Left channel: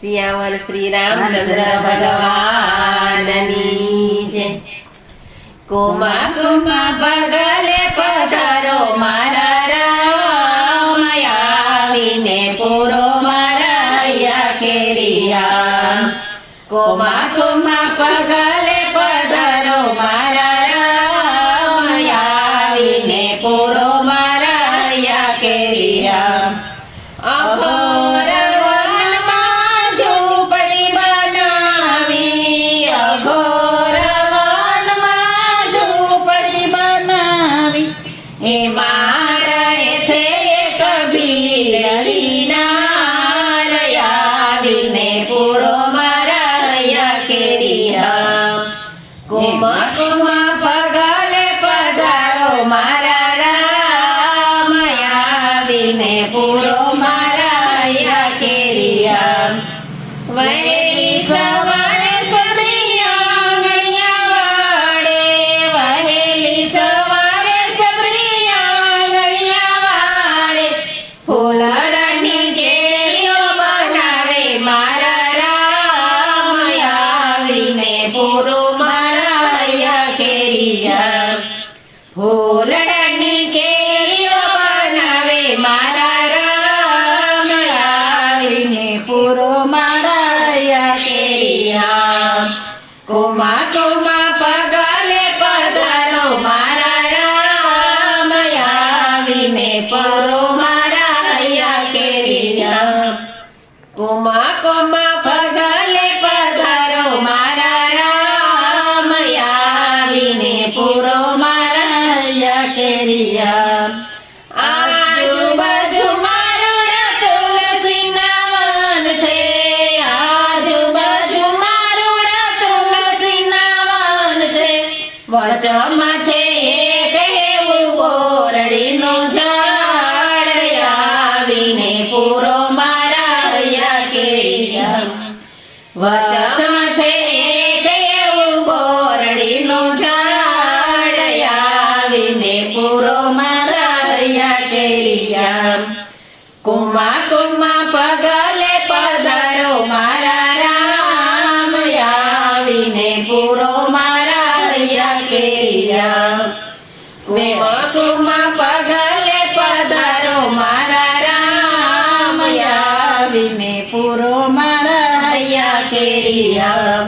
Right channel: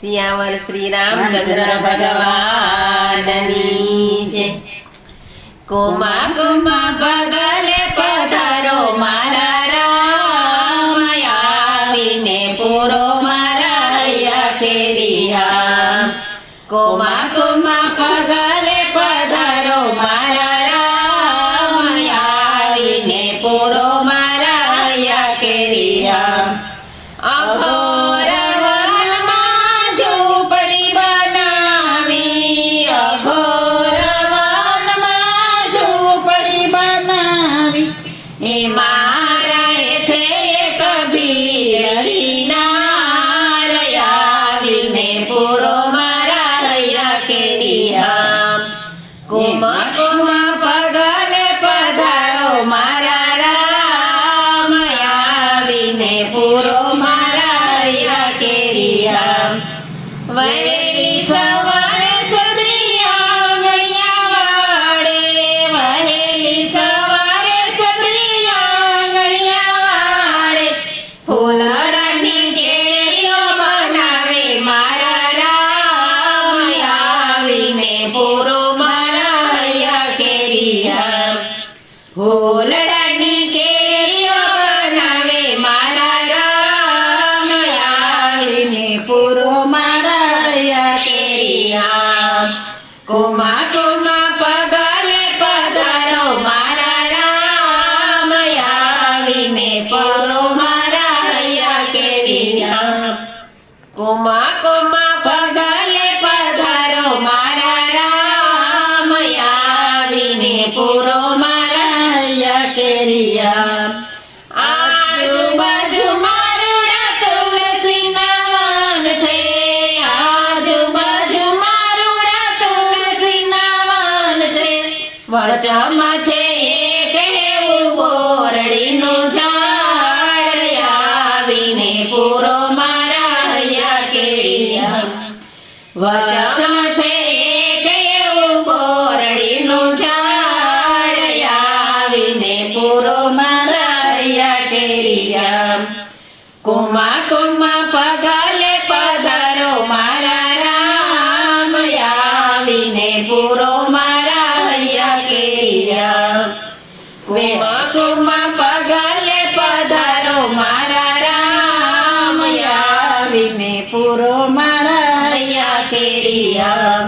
સિયાવર શ્રી રામચંદ્ર ભગવાનની જય. Comma comma પગલે પધારો મારા રામ, આવીને પૂરો મારા હૈયા કેરિયા. કોમા કોમા પગલે પધારો મારા રામ, આવીને પૂરો મારા હૈયા કેરિયા. અઘોર વનમાં ઝૂંપડી બનાવી, અઘોર વનમાં ઝૂંપડી બનાવી, એમાં રહે છે એક ભીલડી નાર, આવીને પૂરો મારા હૈયા કેરિયા. કોમા કોમા પગલે પધારો મારા રામ, આવીને પૂરો મારા હૈયા કેરિયા. વહેલી સવારે સબરી આંગણિયા વાળે, વહેલી સવારે સબરી આંગણિયા વાળે, ફૂલડાની કેરીઓ બનાવે મારા રામ, આવીને પૂરો મારા હૈયા કેરિયા. ફૂલડાની કેરીઓ બનાવે મારા રામ, આવીને પૂરો મારા હૈયા કેરિયા. કોમા કોમા પગલે પધારો મારા રામ, આવીને પૂરો મારા હૈયા કેરિયા. કોમા કોમા પગલે પધારો મારા રામ, આવીને પૂરો મારા હૈયા કેરિયા. આજુબાજુ મારુડા તુલસીના વન છે, આજુબાજુ મારુડા તુલસીના વન છે, વચમાં છે એક એવું બોરડીનું ઝાડ, આવીને પૂરો મારા હૈયા કેરિયા. વચમાં છે એક એવું બોરડીનું ઝાડ, આવીને પૂરો મારા હૈયા કેરિયા. કોમા કોમા પગલે પધારો મારા રામ, આવીને પૂરો મારા હૈયા કેરિયા. કોમા કોમા પગલે પધારો મારા રામ, આવીને પૂરો મારા હૈયા કેરિયા.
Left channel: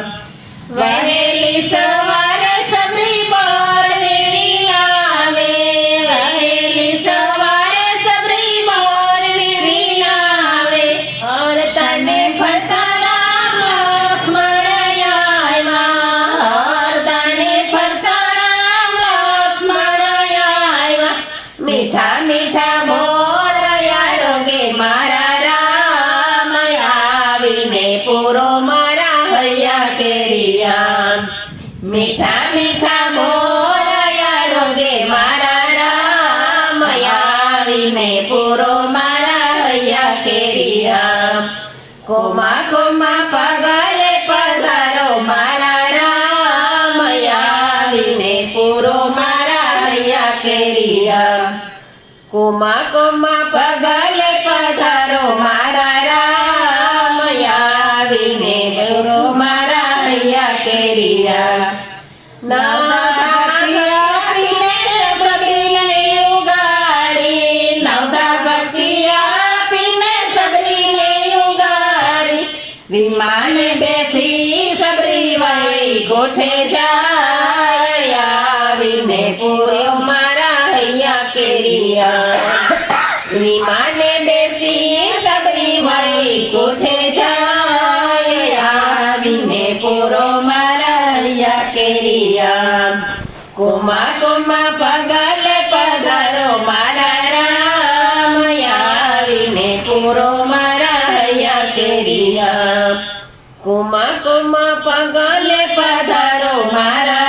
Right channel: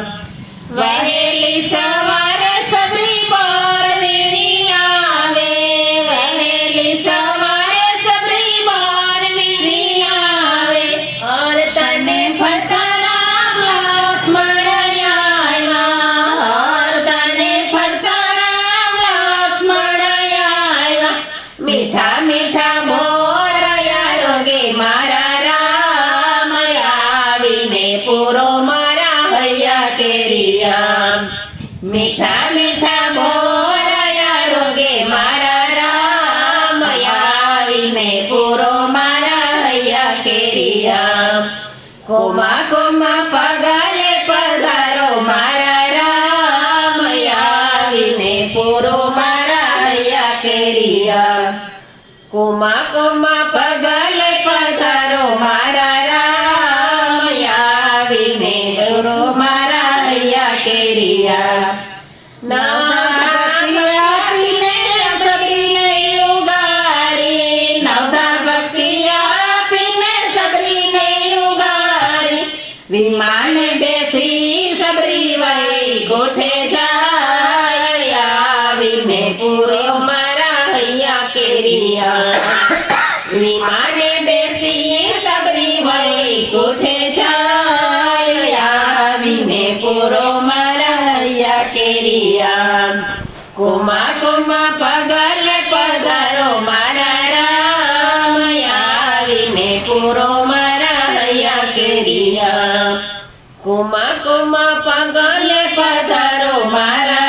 વહેલી સવારે સબરી બોરવી લાવે, વહેલી સવારે સબરી બોરવી લાવે, ઓર તને ફરતા રામ લક્ષ્મણ આવ્યા, ઓર તને ફરતા રામ લક્ષ્મણ આવ્યા. મીઠા મીઠા બોરયા રોગે મારા રામ, આવીને પૂરો મારા હૈયા કેરિયા. મીઠા મીઠા બોરયા રોગે મારા રામ, આવીને પૂરો મારા હૈયા કેરિયા. કોમા કોમા પગલે પધારો મારા રામ, આવીને પૂરો મારા હૈયા કેરિયા. કોમા કોમા પગલે પધારો મારા રામ, આવીને પૂરો મારા હૈયા કેરિયા. નવધા આપીને સબરીને ઉગાડી, નવધા ભક્તિ આપીને સબરીને ઉગાડી, વિમાને બેસી સબરી વઈ ગોઠે જાય, આવીને પૂરો મારા હૈયા કેરિયા. વિમાને બેસી સબરી વઈ ગોઠે જાય, આવીને પૂરો મારા હૈયા કેરિયા. કોમા કોમા પગલે પધારો મારા રામ, આવીને પૂરો મારા હૈયા કેરિયા. કોમા કોમા પગલે પધારો મારા